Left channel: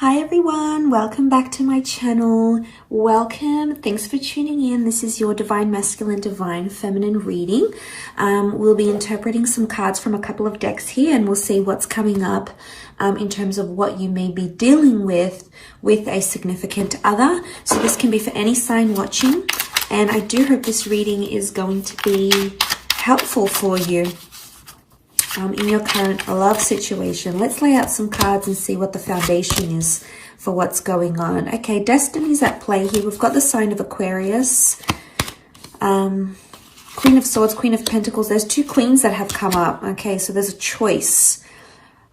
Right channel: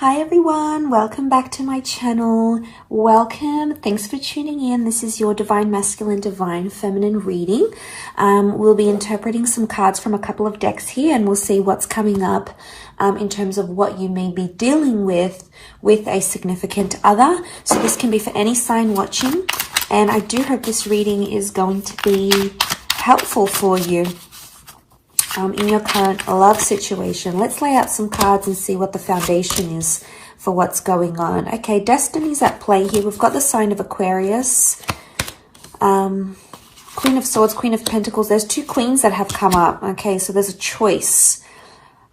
Hi everyone, welcome back to my channel. Welcome, thanks for tuning in. This is your Divine Masculine, Divine Feminine reading. We'll be interpreting some cards from a couple of decks here and we'll see what's coming up in terms of what you may be dealing with a significant other. So this can be for any sign watching, and I do hope this reading is going to be helpful for you in your current love situation. Let's lay out some cards and see what the foundation is for what's going on. Okay, destiny's at play here. We've got the sign of Aquarius, Queen of Swords, Queen of Pentacles. There's two queens that have come up. Okay, so there's a choice.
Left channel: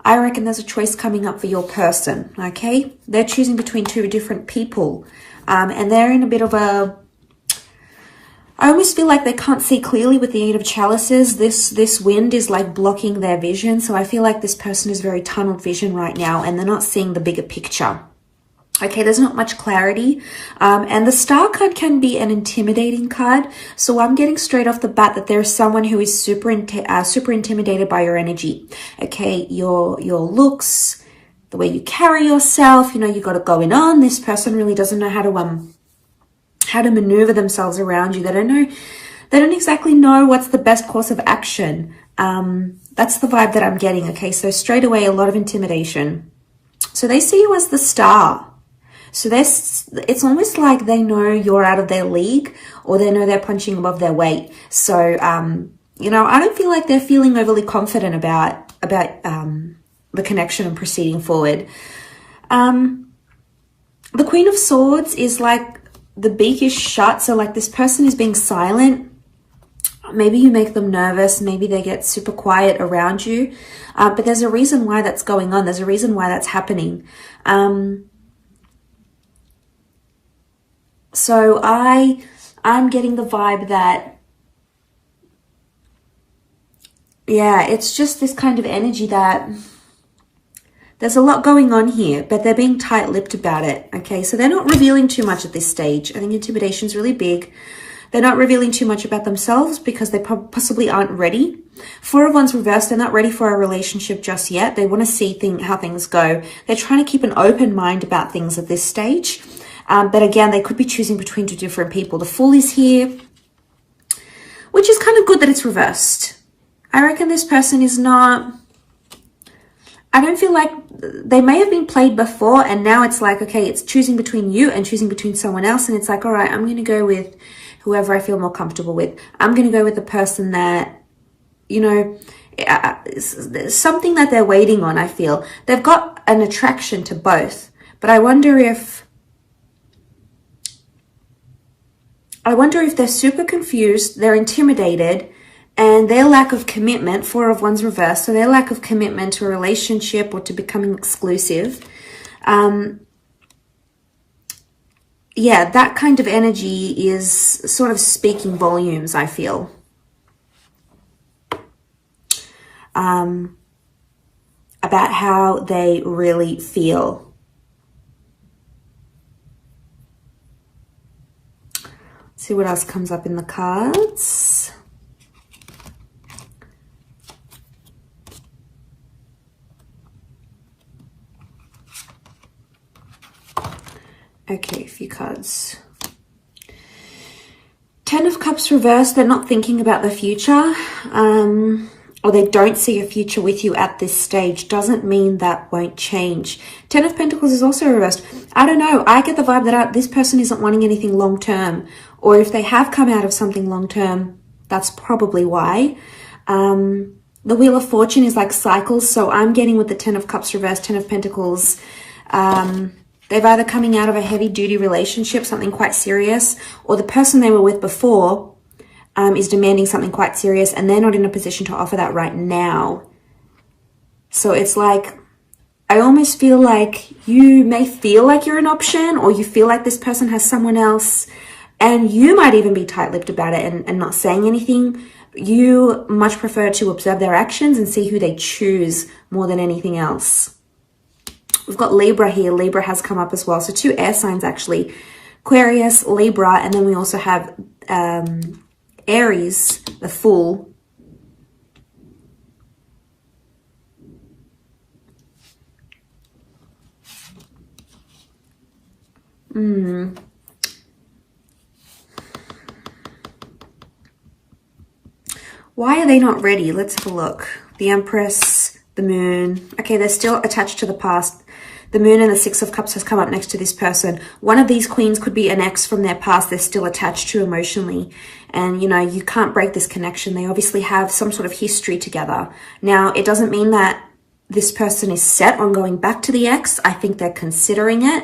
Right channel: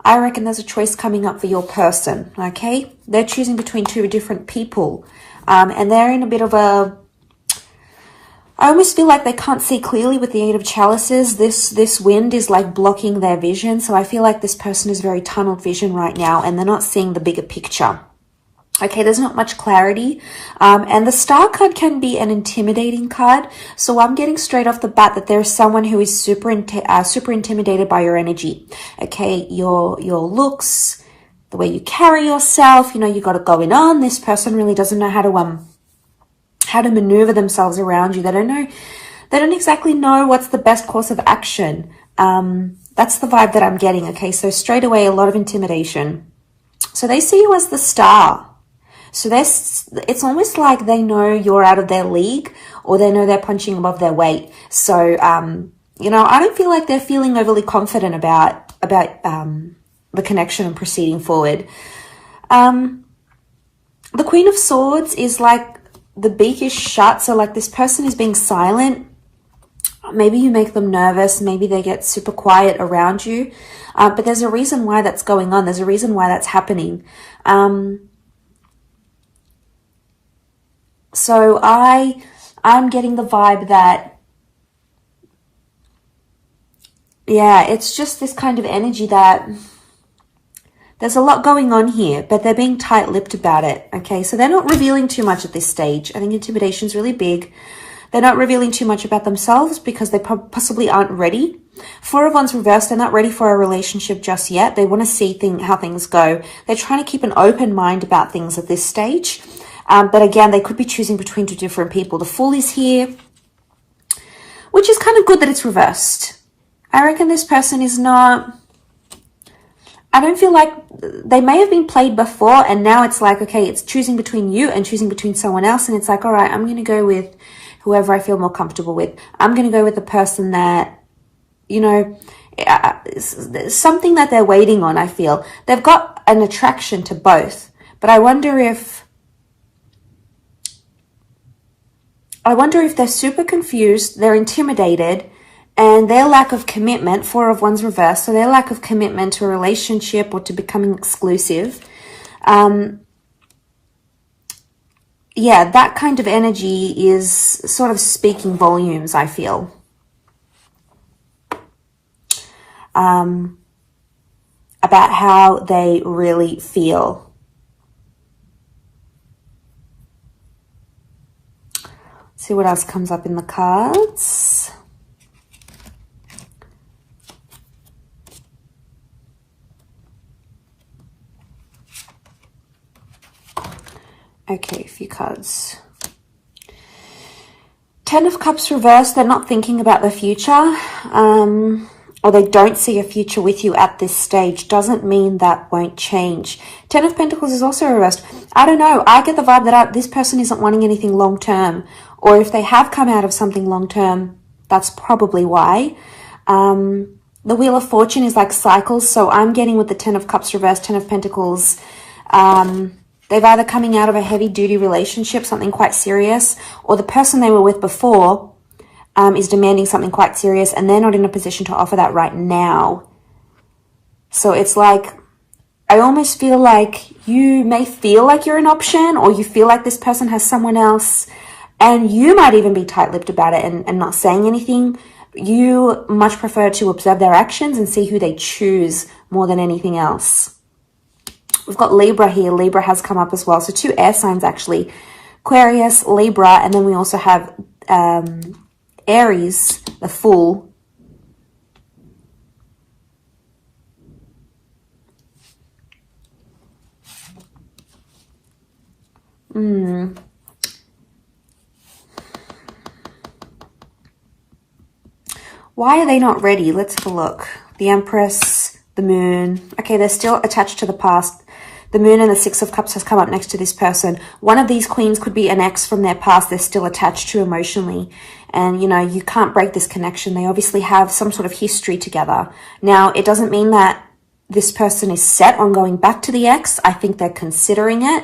I reckon there's a choice coming up for your person. Okay, they're choosing between two different people, and they're in a bit of a, I almost feel like they can't see clearly with the Eight of Chalices. This wind is like blocking their vision. So I feel like this person is very tunnel vision right now and they're not seeing the bigger picture. Okay, there's not much clarity. And the Star card can be an intimidating card. So I'm getting straight off the bat that there's someone who is super intimidated by your energy. Okay, your looks, the way you carry yourself, you know, you got it going on. This person really doesn't know how to maneuver themselves around you. They don't exactly know what's the best course of action. That's the vibe that I'm getting. Okay, so straight away, a lot of intimidation. So they see you as the star. So it's almost like they know you're out of their league, or they know they're punching above their weight. So, you know, I don't feel like they're feeling overly confident about the connection and proceeding forward. The Queen of Swords is like, the beak is shut, so like this person is being silent. Maybe you make them nervous, maybe they get super quiet around you, but there's a reason why that's going on. There's a reason why that's happening. So I'm getting the vibe that, yeah, it's just this kind of energy that there's a lot going on here, but they're being tight-lipped about it, okay? So they're not revealing too much at this stage. I think intimidation is really big. They're not revealing too much about themselves because they possibly aren't ready. Four of Wands reversed, they're not ready for a relationship just yet. They want to see how things go. They're trying to keep an open mind about things at this stage. But again, they could be choosing between two different people. The Fool is here, which is kind of good that it's reversed. I reckon this person is not... I don't feel like they may have been played before and now it's like, okay, it's choosing between you and choosing between someone else. And it's like, all right, I'm going to go with whoever I feel more comfortable with. I'm going to go with the person that, you know, something that they're waiting on, I feel. They've got an attraction to both. But I wonder if they're super confused, they're intimidated, and their lack of commitment, Four of Wands reversed, so their lack of commitment to a relationship or to becoming exclusive, yeah, that kind of energy is sort of speaking volumes, I feel. About how they really feel. Let's see what else comes up in the cards. Okay, a few cards. Ten of Cups reversed. They're not thinking about the future, or they don't see a future with you at this stage. Doesn't mean that won't change. Ten of Pentacles is also reversed. I don't know. I get the vibe that this person isn't wanting anything long-term, or if they have come out of something long-term, that's probably why. The Wheel of Fortune is like cycles, so I'm getting with the Ten of Cups reversed, Ten of Pentacles, they've either coming out of a heavy-duty relationship, something quite serious, or the person they were with before is demanding something quite serious, and they're not in a position to offer that right now. So it's like, I almost feel like you may feel like you're an option, or you feel like this person has someone else, and you might even be tight-lipped about it and not saying anything. You much prefer to observe their actions and see who they choose more than anything else. We've got Libra here. Libra has come up as well. So two air signs, actually. Aquarius, Libra, and then we also have Aries, the Fool. Why are they not ready? Let's have a look. The Empress, the Moon. Okay, they're still attached to the past. The Moon and the Six of Cups has come up next to this person. One of these queens could be an ex from their past they're still attached to emotionally. And, you know, you can't break this connection. They obviously have some sort of history together. Now, it doesn't mean that this person is set on going back to the ex. I think they're considering it.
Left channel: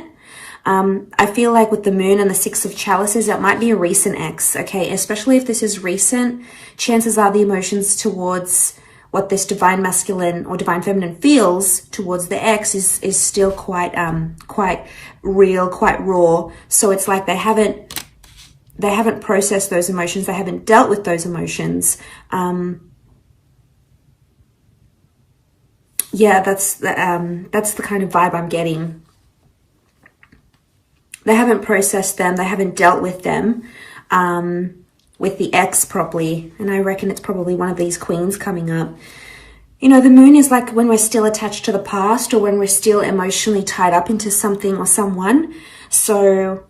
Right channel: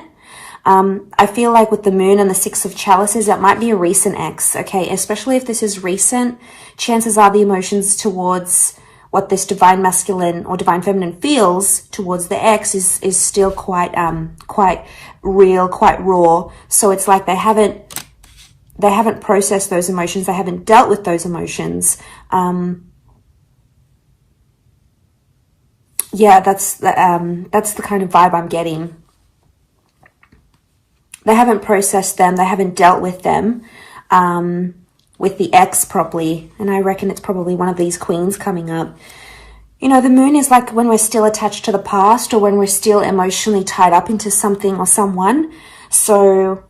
I feel like with the Moon and the Six of Chalices, that might be a recent ex, okay? Especially if this is recent, chances are the emotions towards what this divine masculine or divine feminine feels towards the ex is still quite real, quite raw. So it's like they haven't processed those emotions. They haven't dealt with those emotions. Yeah, that's the kind of vibe I'm getting. They haven't processed them. They haven't dealt with them, with the ex properly. And I reckon it's probably one of these queens coming up. You know, the Moon is like when we're still attached to the past or when we're still emotionally tied up into something or someone. So,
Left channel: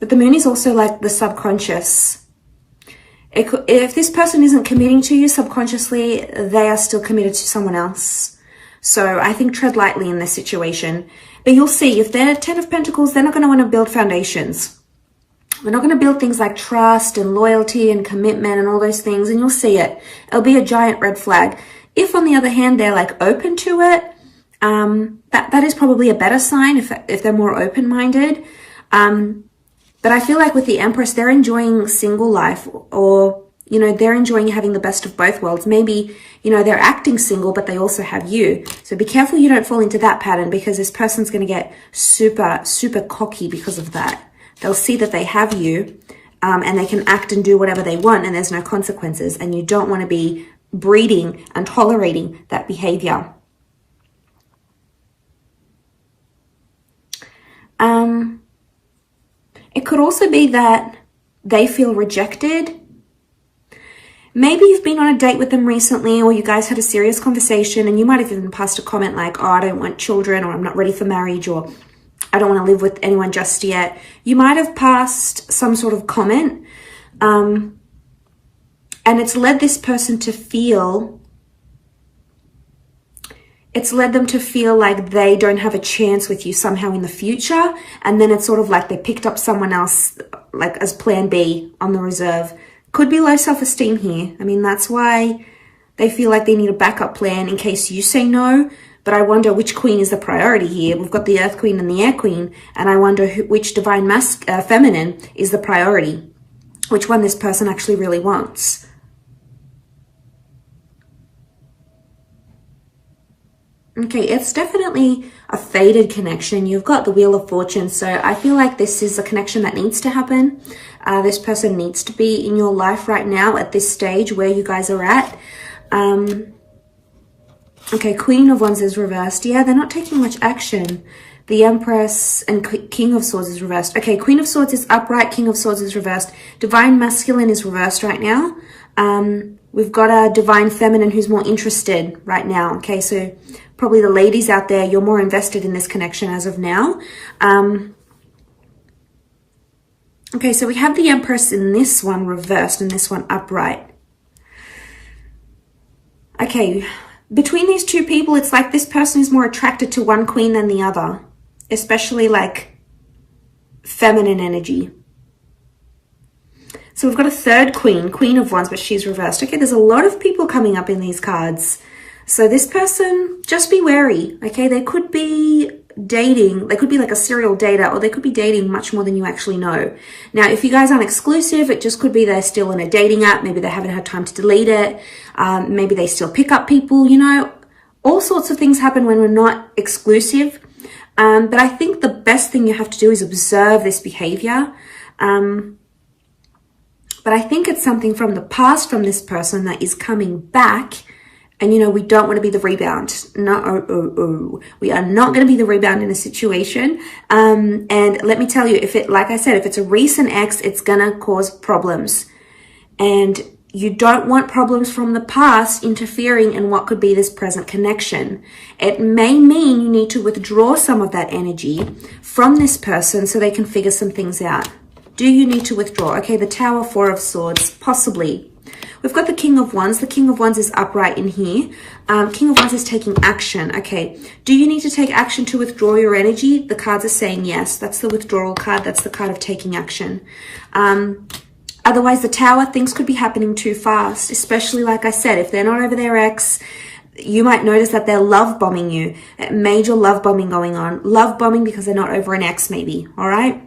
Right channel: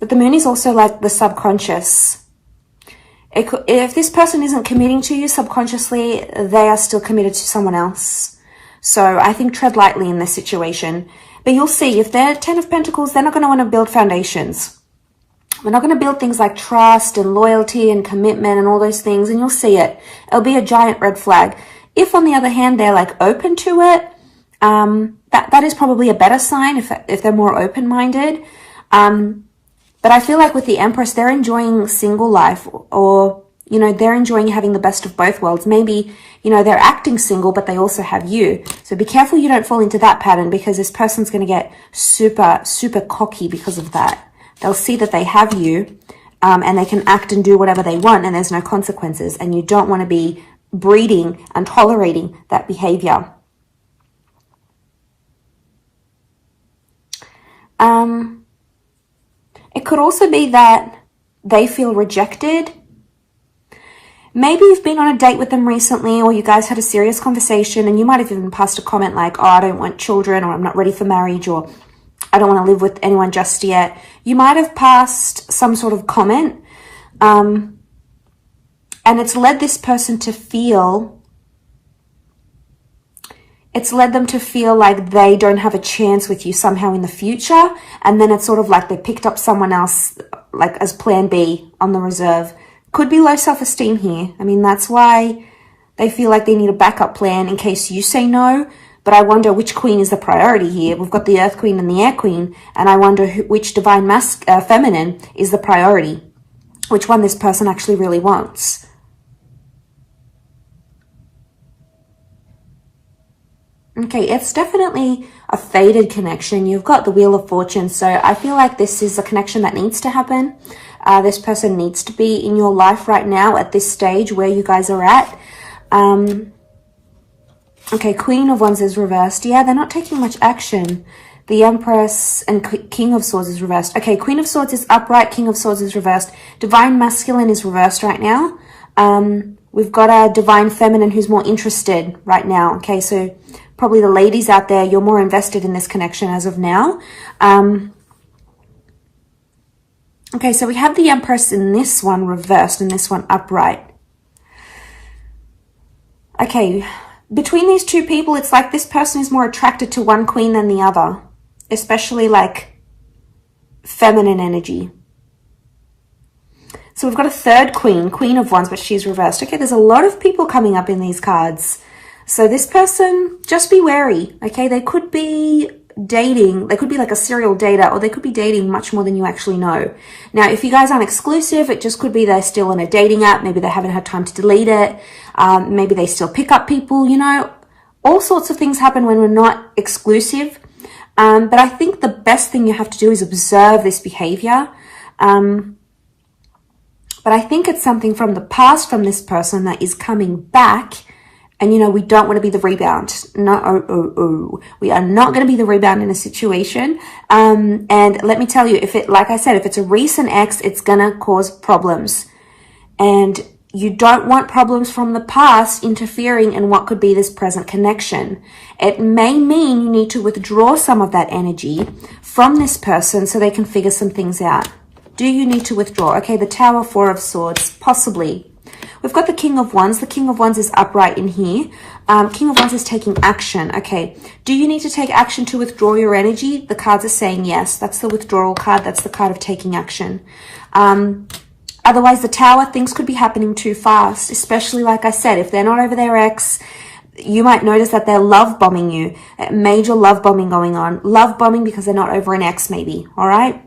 but the Moon is also like the subconscious. If this person isn't committing to you subconsciously, they are still committed to someone else. So I think tread lightly in this situation. But you'll see, if they're 10 of Pentacles, they're not going to want to build foundations. They're not going to build things like trust and loyalty and commitment and all those things. And you'll see it. It'll be a giant red flag. If, on the other hand, they're like open to it, that is probably a better sign if they're more open-minded. But I feel like with the Empress, they're enjoying single life, or, you know, they're enjoying having the best of both worlds. Maybe, you know, they're acting single, but they also have you. So be careful you don't fall into that pattern, because this person's going to get super, super cocky because of that. They'll see that they have you, and they can act and do whatever they want, and there's no consequences. And you don't want to be breeding and tolerating that behavior. It could also be that they feel rejected. Maybe you've been on a date with them recently, or you guys had a serious conversation, and you might have even passed a comment like, oh, I don't want children, or I'm not ready for marriage, or I don't want to live with anyone just yet. You might have passed some sort of comment, and it's led this person to feel, it's led them to feel like they don't have a chance with you somehow in the future. And then it's sort of like they picked up someone else, like as plan B on the reserve. Could be low self-esteem here. I mean, that's why they feel like they need a backup plan in case you say no. But I wonder which queen is the priority here. We've got the Earth Queen and the Air Queen. And I wonder which divine feminine is the priority. Which one this person actually really wants. Okay, it's definitely a faded connection. You've got the Wheel of Fortune. So I feel like this is a connection that needs to happen. This person needs to be in your life right now at this stage where you guys are at. Okay, Queen of Wands is reversed. Yeah, they're not taking much action. The Empress and King of Swords is reversed. Okay, Queen of Swords is upright. King of Swords is reversed. Divine Masculine is reversed right now. We've got a Divine Feminine who's more interested right now. Okay, so probably the ladies out there, you're more invested in this connection as of now. Okay, so we have the Empress in this one reversed and this one upright. Okay, between these two people, it's like this person is more attracted to one queen than the other, especially like feminine energy. So we've got a third queen, Queen of Wands, but she's reversed. Okay, there's a lot of people coming up in these cards. So this person, just be wary, okay? They could be dating, they could be like a serial dater, or they could be dating much more than you actually know. Now, if you guys aren't exclusive, it just could be they're still in a dating app. Maybe they haven't had time to delete it. Maybe they still pick up people, you know. All sorts of things happen when we're not exclusive. But I think the best thing you have to do is observe this behavior. But I think it's something from the past from this person that is coming back. And, you know, we don't want to be the rebound. No, we are not going to be the rebound in a situation. And let me tell you, if it, like I said, if it's a recent ex, it's going to cause problems. And you don't want problems from the past interfering in what could be this present connection. It may mean you need to withdraw some of that energy from this person so they can figure some things out. Do you need to withdraw? Okay, the Tower, Four of Swords, possibly. we've got the King of Wands. The King of Wands is upright in here. King of Wands is taking action. Okay, do you need to take action to withdraw your energy? The cards are saying yes. That's the withdrawal card. That's the card of taking action. Otherwise, the Tower, things could be happening too fast, especially, like I said, if they're not over their ex, you might notice that they're love bombing you. Major love bombing going on. Love bombing because they're not over an ex, maybe. All right?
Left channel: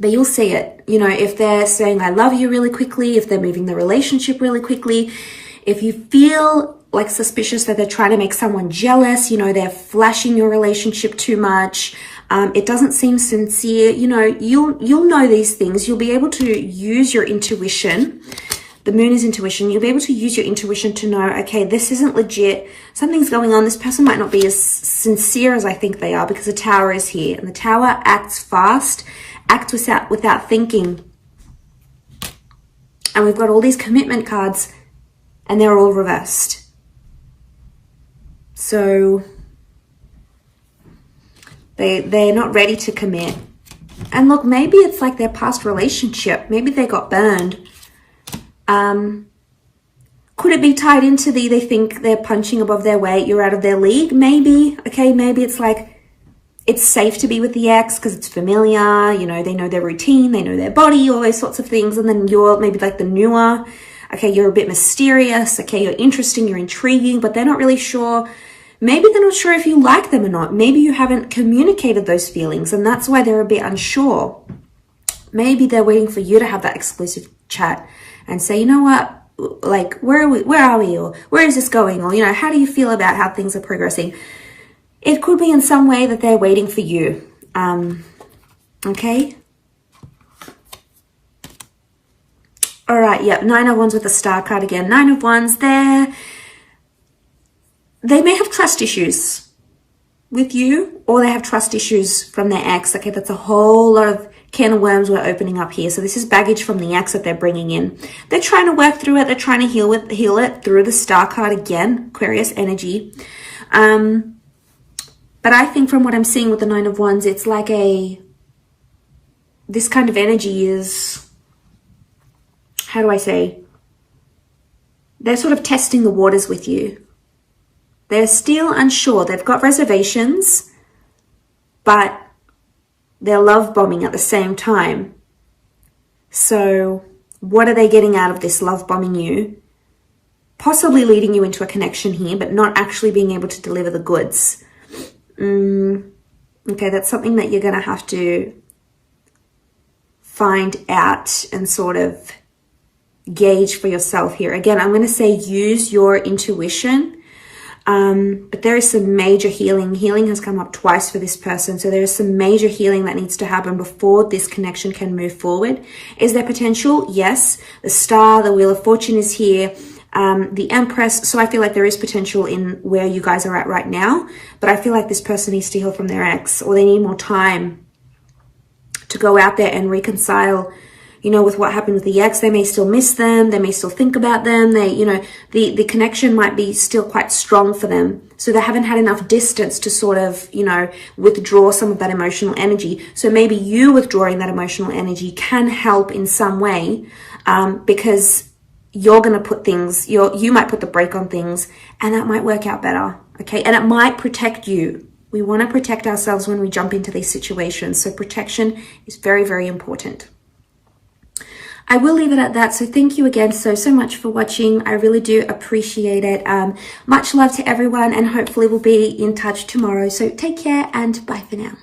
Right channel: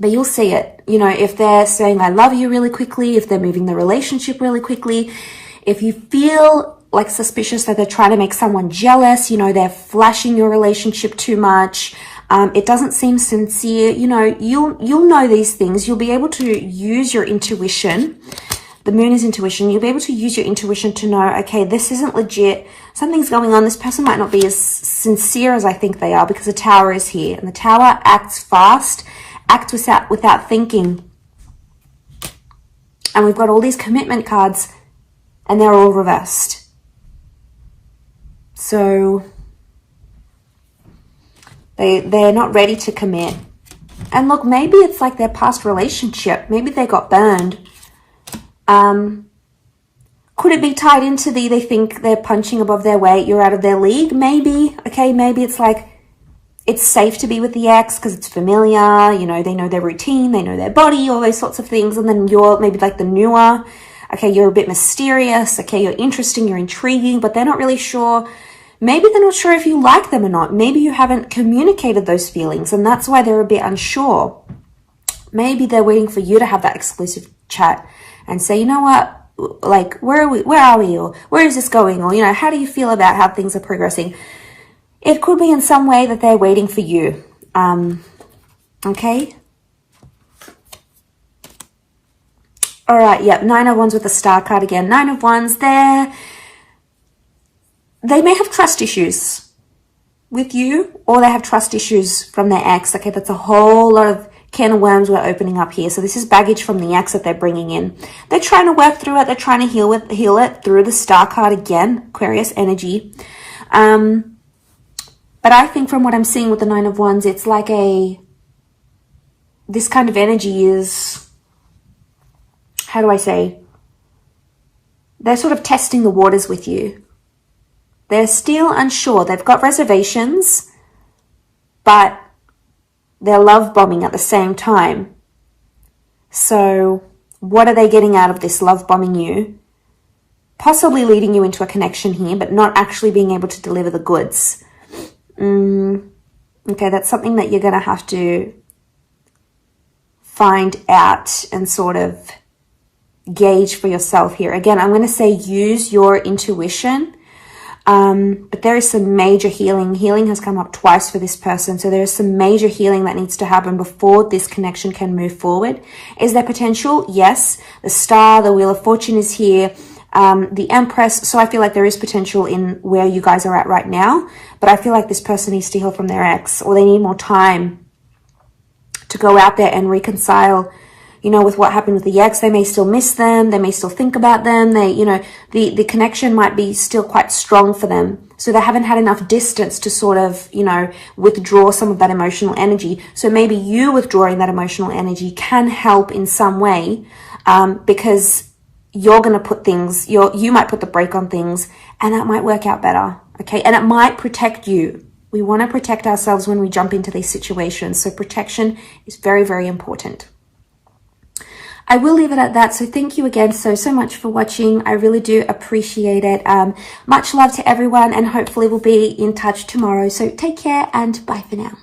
But you'll see it. You know, if they're saying, I love you really quickly, if they're moving the relationship really quickly, if you feel like suspicious that they're trying to make someone jealous, you know, they're flashing your relationship too much, it doesn't seem sincere, you know, you'll know these things. You'll be able to use your intuition. The moon is intuition. You'll be able to use your intuition to know, okay, this isn't legit. Something's going on. This person might not be as sincere as I think they are, because the Tower is here. And the Tower acts fast, acts without thinking. And we've got all these commitment cards, and they're all reversed. So they're not ready to commit. And look, maybe it's like their past relationship. Maybe they got burned. Could it be tied into they think they're punching above their weight, you're out of their league? Maybe. Okay, maybe it's like it's safe to be with the ex because it's familiar, you know, they know their routine, they know their body, all those sorts of things. And then you're maybe like the newer, okay, you're a bit mysterious, okay, you're interesting, you're intriguing, but they're not really sure. Maybe they're not sure if you like them or not. Maybe you haven't communicated those feelings, and that's why they're a bit unsure. Maybe they're waiting for you to have that exclusive chat and say, you know what, like, where are we? Where are you? Where is this going? Or, you know, how do you feel about how things are progressing? It could be in some way that they're waiting for you. Okay. All right. Yep. Nine of Wands with the Star card again. Nine of Wands there. They may have trust issues with you, or they have trust issues from their ex. Okay. That's a whole lot of can of worms we're opening up here. So this is baggage from the ex that they're bringing in. They're trying to work through it. They're trying to heal it through the Star card again, Aquarius energy. But I think from what I'm seeing with the Nine of Wands, it's like this kind of energy is, how do I say? They're sort of testing the waters with you. They're still unsure. They've got reservations, but they're love bombing at the same time. So what are they getting out of this love bombing you? Possibly leading you into a connection here, but not actually being able to deliver the goods. Okay, that's something that you're going to have to find out and sort of gauge for yourself here. Again, I'm going to say use your intuition. But there is some major healing. Healing has come up twice for this person. So there is some major healing that needs to happen before this connection can move forward. Is there potential? Yes. The Star, the Wheel of Fortune is here. The Empress. So I feel like there is potential in where you guys are at right now. But I feel like this person needs to heal from their ex, or they need more time to go out there and reconcile, you know, with what happened with the ex. They may still miss them. They may still think about them. They, you know, the connection might be still quite strong for them. So they haven't had enough distance to sort of, you know, withdraw some of that emotional energy. So maybe you withdrawing that emotional energy can help in some way, because you're going to put things, you might put the brake on things, and that might work out better. Okay. And it might protect you. We want to protect ourselves when we jump into these situations. So protection is very, very important. I will leave it at that. So thank you again so much for watching. I really do appreciate it. Much love to everyone, and hopefully we'll be in touch tomorrow. So take care and bye for now.